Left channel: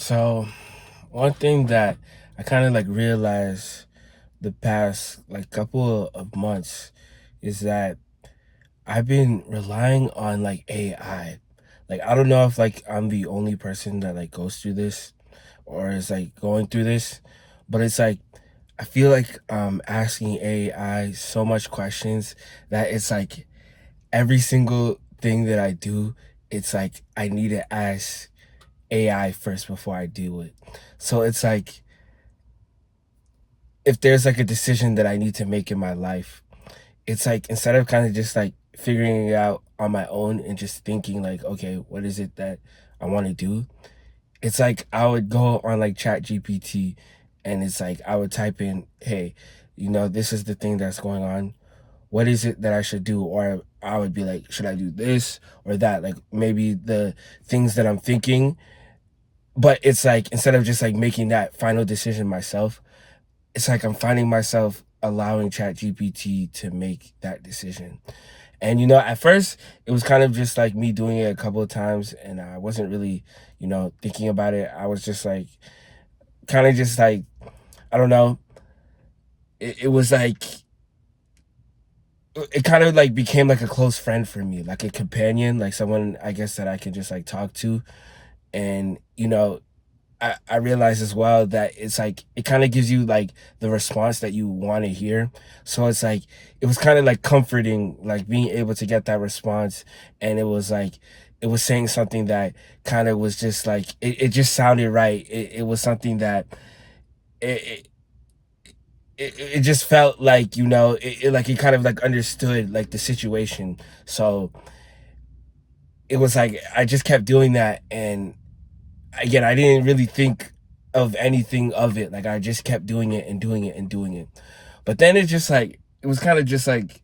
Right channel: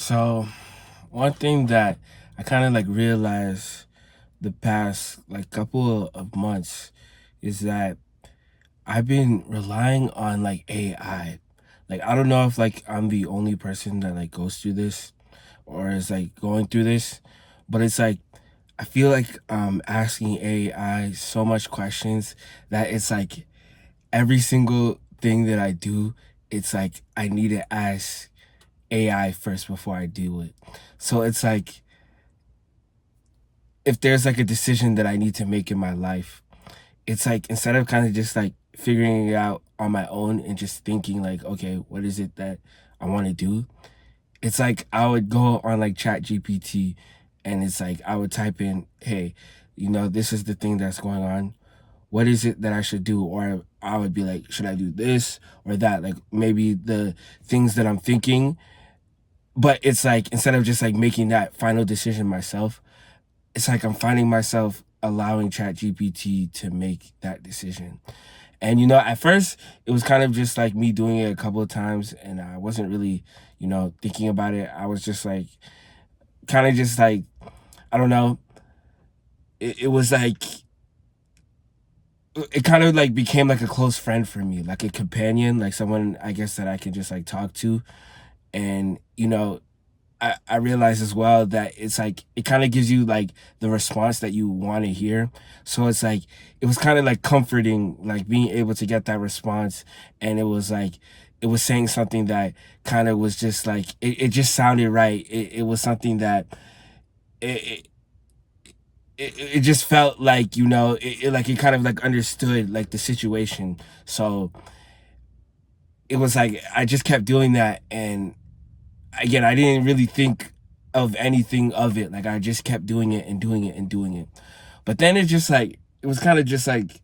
So, one thing that I kind of like realized the past like couple of months is that I've been relying on like AI. Like I don't know if like I'm the only person that like goes through this or is like going through this, but it's like I feel like I'm asking AI so much questions that it's like every single thing that I do, it's like I need to ask AI first before I do it. So it's like if there's like a decision that I need to make in my life, it's like instead of kind of just like figuring it out on my own and just thinking like, okay, what is it that I want to do? It's like I would go on like Chat GPT and it's like I would type in, hey, this is the thing that's going on. What is it that I should do? Or I would be like, should I do this or that? Like maybe the things that I'm thinking. But it's like instead of just like making that final decision myself, it's like I'm finding myself allowing ChatGPT to make that decision. And at first it was kind of just like me doing it a couple of times and I wasn't really, thinking about it. I was just like kind of just like I don't know. It was like it kind of like became like a close friend for me, like a companion, like someone I guess that I can just like talk to. And I realize as well that it's like it kind of gives you like the response that you want to hear. So it's like it was kind of like comforting, like being able to get that response. And it was like it was saying something that kind of was just like it just sounded right. It was something that it, it just felt like like it kind of like understood like the situation. So it was like I just kept doing that, and again, I didn't really think of anything of it. Like I just kept doing it and doing it and doing it. But then it was kind of just like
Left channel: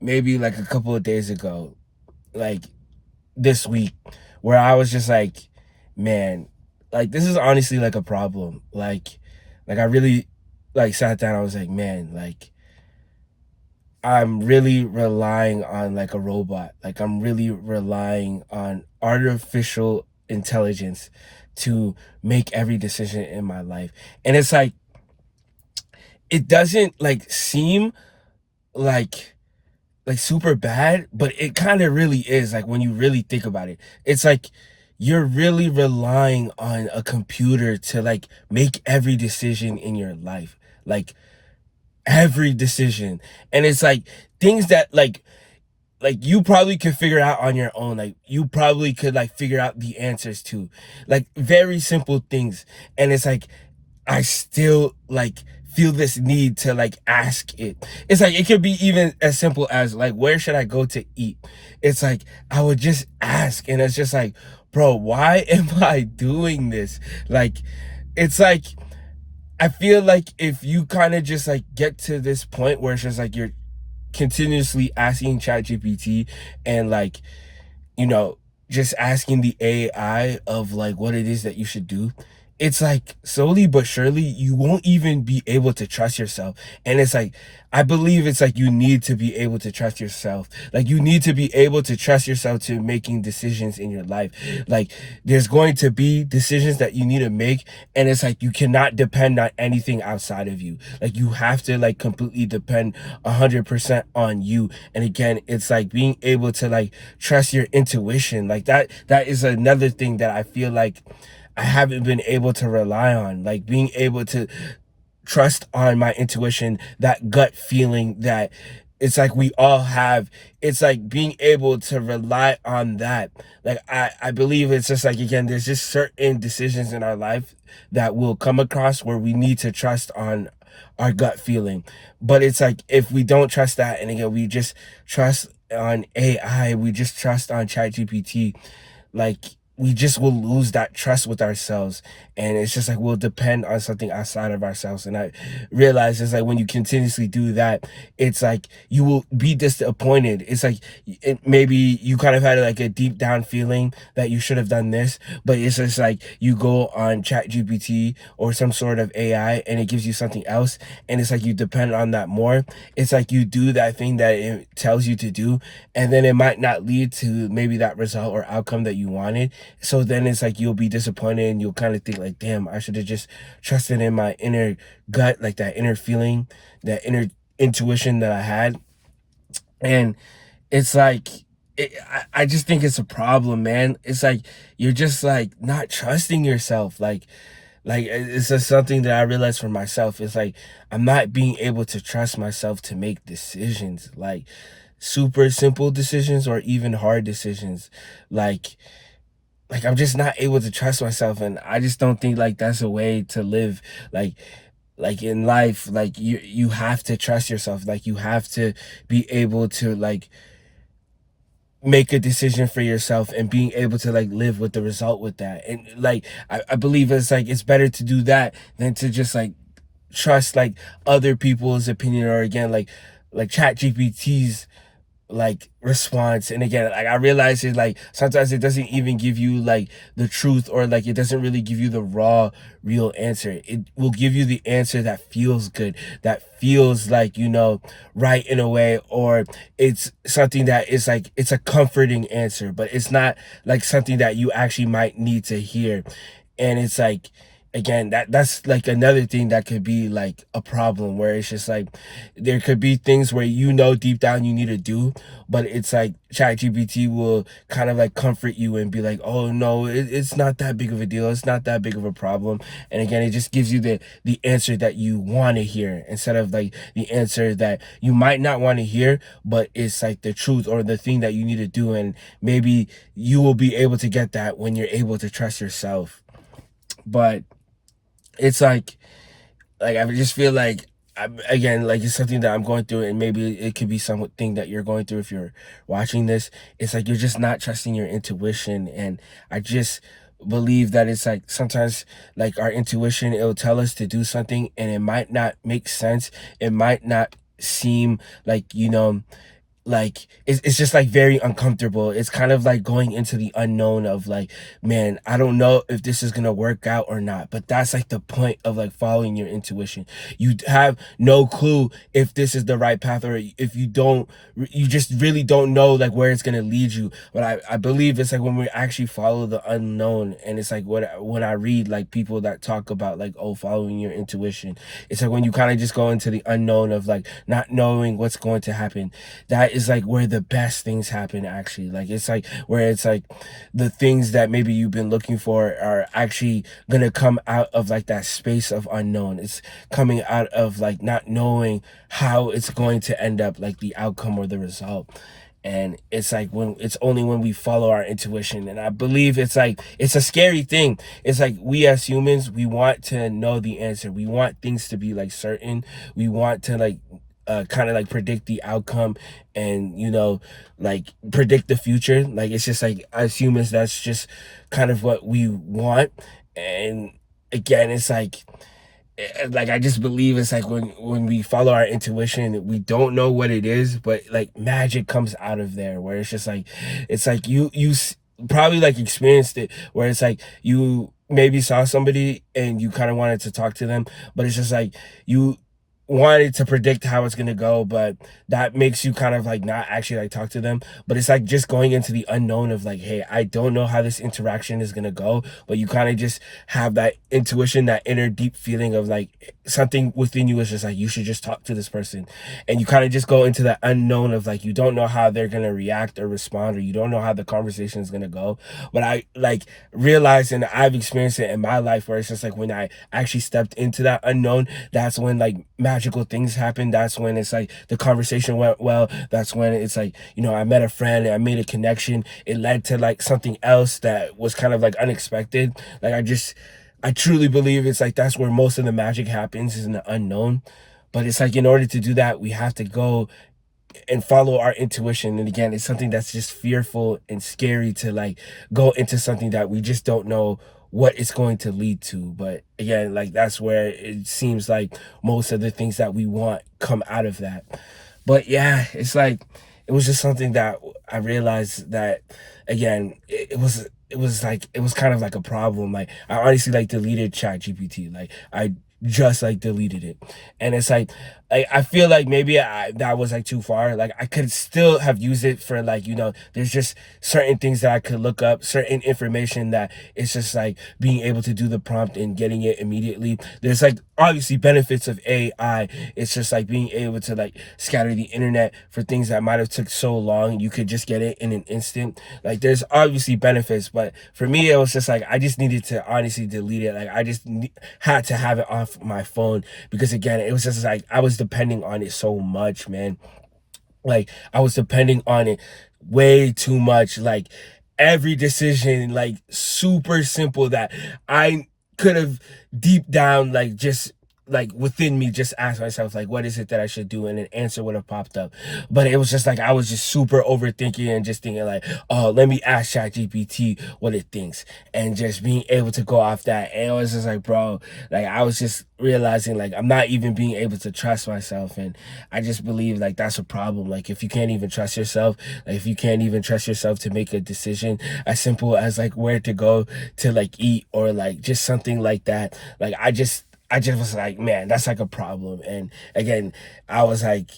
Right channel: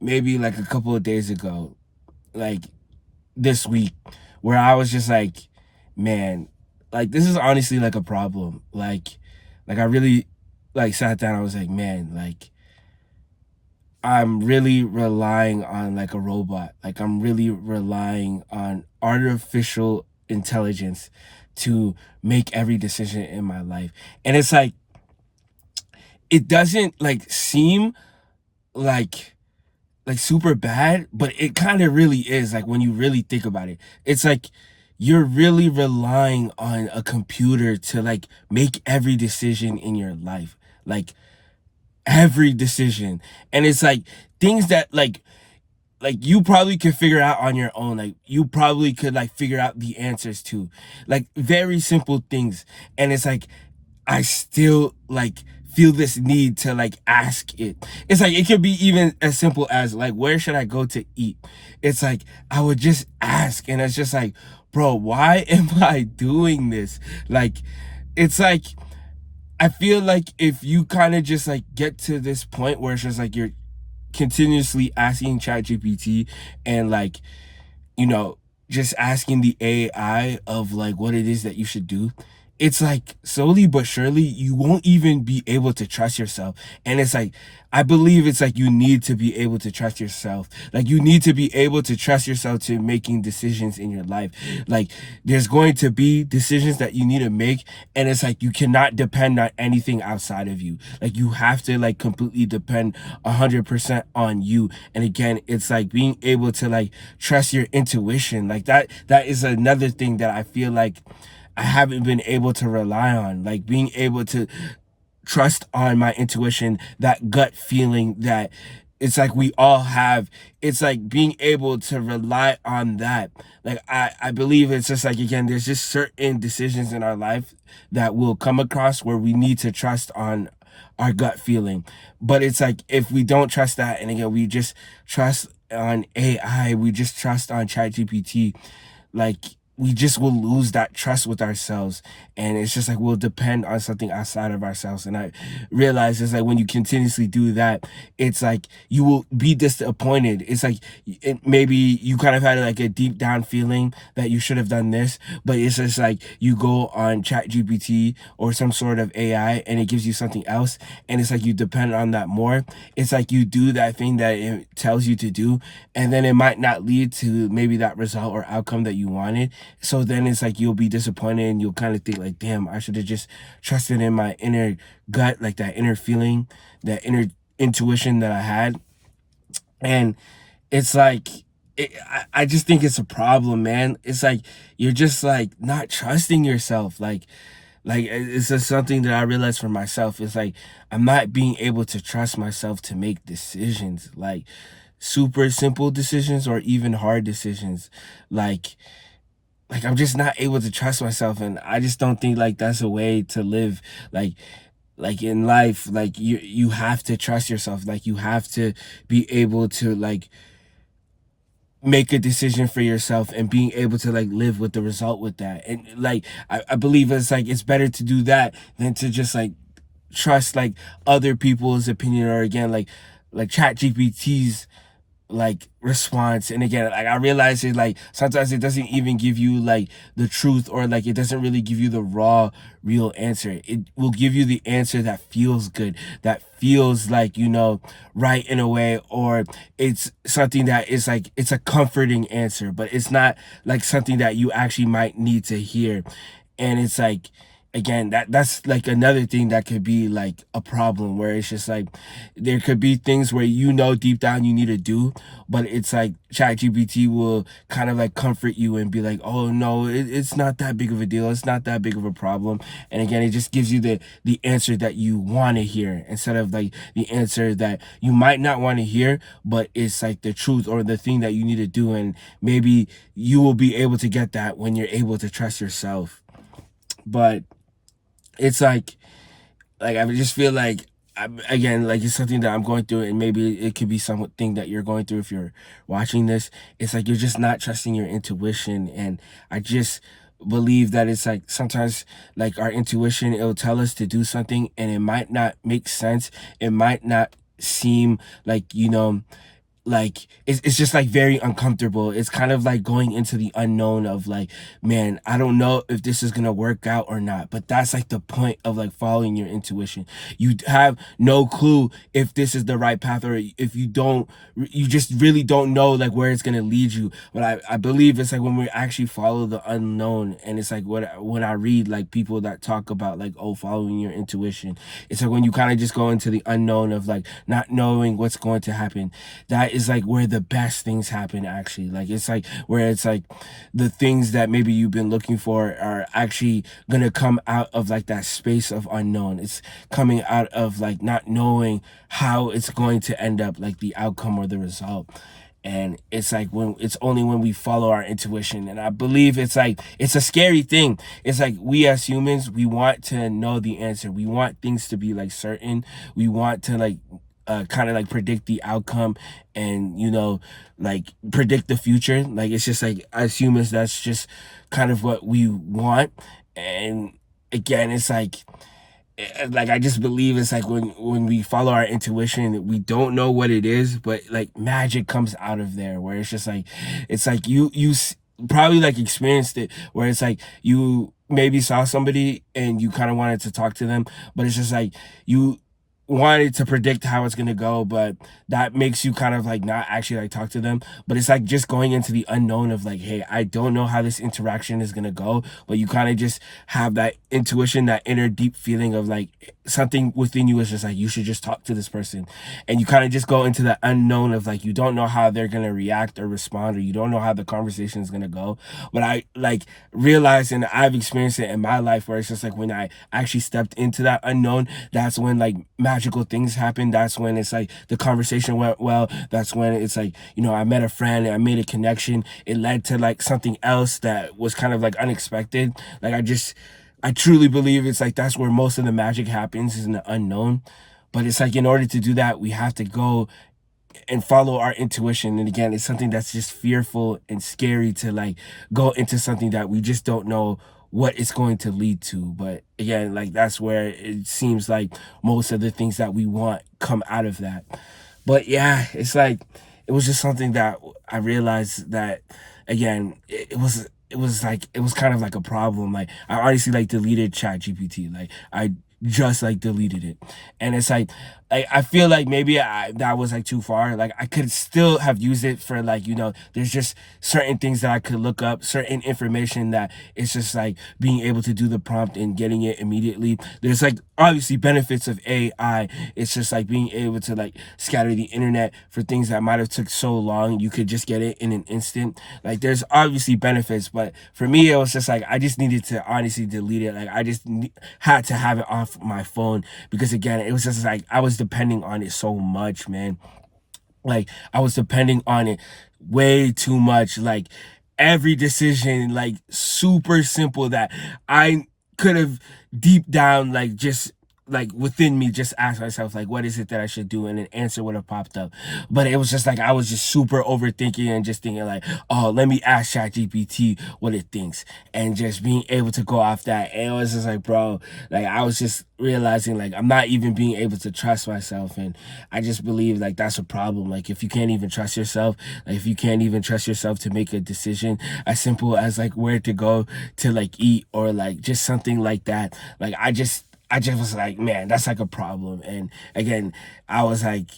maybe like a couple of days ago, like this week, where I was just like, man, like this is honestly like a problem. Like I really like sat down, I was like, man, like I'm really relying on like a robot. Like I'm really relying on artificial intelligence to make every decision in my life. And it's like it doesn't like seem like super bad, but it kind of really is like when you really think about it. It's like you're really relying on a computer to like make every decision in your life. Like every decision. And it's like things that like you probably could figure out on your own. Like you probably could like figure out the answers to like very simple things. And it's like I still like feel this need to like ask it. It's like it could be even as simple as like where should I go to eat? It's like I would just ask, and it's just like, bro, why am I doing this? Like it's like I feel like if you kind of just like get to this point where it's just like you're continuously asking ChatGPT and like, you know, just asking the AI of like what it is that you should do, it's like slowly but surely you won't even be able to trust yourself. And it's like, I believe it's like you need to be able to trust yourself. Like you need to be able to trust yourself to making decisions in your life. Like there's going to be decisions that you need to make. And it's like you cannot depend on anything outside of you. Like you have to like completely depend 100% on you. And again, it's like being able to like trust your intuition. Like that is another thing that I feel like I haven't been able to rely on, like being able to trust on my intuition, that gut feeling that it's like we all have. It's like being able to rely on that. Like I believe it's just like again, there's just certain decisions in our life that we'll come across where we need to trust on our gut feeling. But it's like if we don't trust that, and again, we just trust on AI, we just trust on ChatGPT, like we just will lose that trust with ourselves, and it's just like we'll depend on something outside of ourselves. And I realize it's like when you continuously do that, it's like you will be disappointed. It's like maybe you kind of had like a deep down feeling that you should have done this, but it's just like you go on Chat GPT or some sort of AI and it gives you something else, and it's like you depend on that more. It's like you do that thing that it tells you to do, and then it might not lead to maybe that result or outcome that you wanted, So then it's like you'll be disappointed and you'll kind of think like, damn, I should have just trusted in my inner gut, like that inner feeling, that inner intuition that I had. And it's like I just think it's a problem, man. It's like you're just like not trusting yourself. Like it's just something that I realized for myself. It's like I'm not being able to trust myself to make decisions, like super simple decisions or even hard decisions. Like I'm just not able to trust myself, and I just don't think like that's a way to live. Like in life, like you have to trust yourself. Like you have to be able to like make a decision for yourself and being able to like live with the result with that. And like I believe it's like it's better to do that than to just like trust like other people's opinion, or again like chat gpt's like response. And again, like I realize it, like sometimes it doesn't even give you like the truth, or like it doesn't really give you the raw real answer. It will give you the answer that feels good, that feels like, you know, right in a way, or it's something that is like it's a comforting answer, but it's not like something that you actually might need to hear. And it's like, again, that's like another thing that could be like a problem, where it's just like there could be things where, you know, deep down you need to do, but it's like ChatGPT will kind of like comfort you and be like, oh no, it's not that big of a deal, it's not that big of a problem. And again, it just gives you the answer that you want to hear, instead of like the answer that you might not want to hear, but it's like the truth or the thing that you need to do. And maybe you will be able to get that when you're able to trust yourself. But it's like I just feel like again, like it's something that I'm going through, and maybe it could be something that you're going through if you're watching this. It's like you're just not trusting your intuition. And I just believe that it's like sometimes like our intuition, it'll tell us to do something and it might not make sense. It might not seem like, you know, like it's just like very uncomfortable. It's kind of like going into the unknown of like, man, I don't know if this is gonna work out or not. But that's like the point of like following your intuition. You have no clue if this is the right path, or if you don't, you just really don't know like where it's gonna lead you. But I believe it's like when we actually follow the unknown. And it's like when I read like people that talk about like, oh, following your intuition, it's like when you kind of just go into the unknown of like not knowing what's going to happen. That is like where the best things happen, actually. Like it's like where it's like the things that maybe you've been looking for are actually gonna come out of like that space of unknown. It's coming out of like not knowing how it's going to end up, like the outcome or the result. And it's like when it's only when we follow our intuition. And I believe it's like it's a scary thing. It's like we as humans, we want to know the answer, we want things to be like certain, we want to like kind of like predict the outcome, and, you know, like predict the future. Like it's just like as humans, that's just kind of what we want. And again, it's like I just believe it's like when we follow our intuition, we don't know what it is, but like magic comes out of there, where it's just like it's like probably like experienced it, where it's like you maybe saw somebody and you kind of wanted to talk to them, but it's just like you wanted to predict how it's gonna go, but that makes you kind of like not actually like talk to them. But it's like just going into the unknown of like, hey, I don't know how this interaction is gonna go, but you kind of just have that intuition, that inner deep feeling of like something within you is just like, you should just talk to this person. And you kind of just go into the unknown of like, you don't know how they're gonna react or respond, or you don't know how the conversation is gonna go. But I like realized, and I've experienced it in my life, where it's just like when I actually stepped into that unknown, that's when like magical things happen. That's when it's like the conversation went well. That's when it's like, you know, I met a friend and I made a connection. It led to like something else that was kind of like unexpected. Like I truly believe it's like that's where most of the magic happens, is in the unknown. But it's like in order to do that, we have to go and follow our intuition. And again, it's something that's just fearful and scary to like go into something that we just don't know what it's going to lead to. But again, like that's where it seems like most of the things that we want come out of that. But yeah, it's like it was just something that I realized that, again, it was kind of like a problem. Like I honestly like deleted Chat GPT. Like I just like deleted it. And it's like like I feel like maybe that was like too far. Like I could still have used it for like, there's just certain things that I could look up, certain information that it's just like being able to do the prompt and getting it immediately. There's like obviously benefits of AI. It's just like being able to like scatter the internet for things that might have took so long. You could just get it in an instant. Like there's obviously benefits, but for me it was just like I just needed to honestly delete it. Like I just had to have it off my phone because again, it was just like I was depending on it so much, man. Like I was depending on it way too much. Like every decision, like super simple that I could have deep down, like just like within me, just ask myself, like, what is it that I should do? And an answer would have popped up. But it was just like I was just super overthinking and just thinking like, oh, let me ask ChatGPT what it thinks. And just being able to go off that. And it was just like, bro, like I was just realizing like I'm not even being able to trust myself. And I just believe like that's a problem. Like if you can't even trust yourself, like if you can't even trust yourself to make a decision as simple as like where to go to like eat or like just something like that, like I just was like, man, that's like a problem. And again, I was like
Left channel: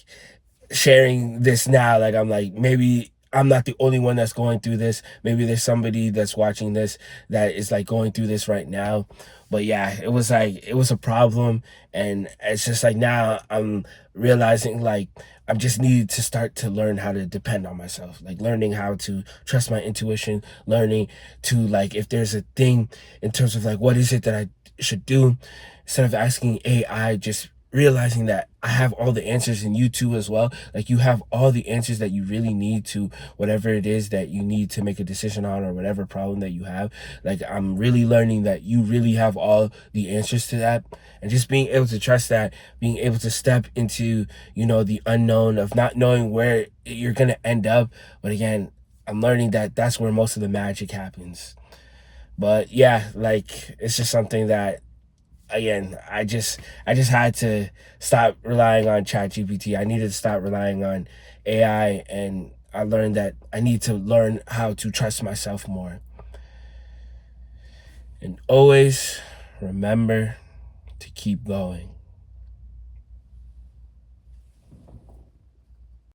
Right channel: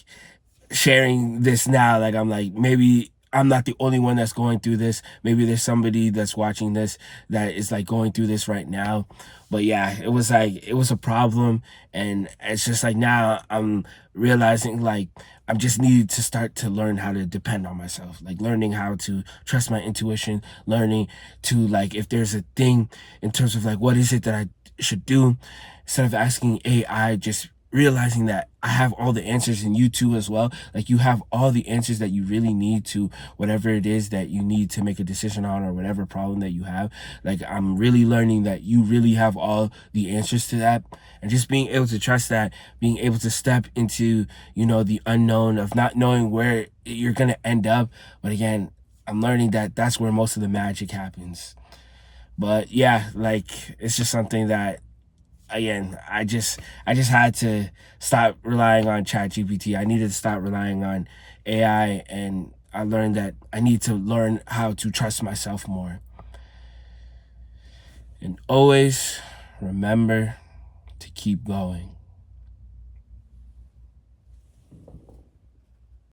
sharing this now, like I'm like, maybe I'm not the only one that's going through this. Maybe there's somebody that's watching this that is like going through this right now. But yeah, it was like it was a problem. And it's just like now I'm realizing like I'm just needed to start to learn how to depend on myself, like learning how to trust my intuition, learning to like if there's a thing in terms of like what is it that I should do, instead of asking AI, just realizing that I have all the answers and you too as well. Like you have all the answers that you really need to whatever it is that you need to make a decision on or whatever problem that you have. Like I'm really learning that you really have all the answers to that. And just being able to trust that, being able to step into, the unknown of not knowing where you're going to end up. But again, I'm learning that that's where most of the magic happens. But yeah, like it's just something that again, I just had to stop relying on ChatGPT. I needed to stop relying on AI, and I learned that I need to learn how to trust myself more. And always remember to keep going.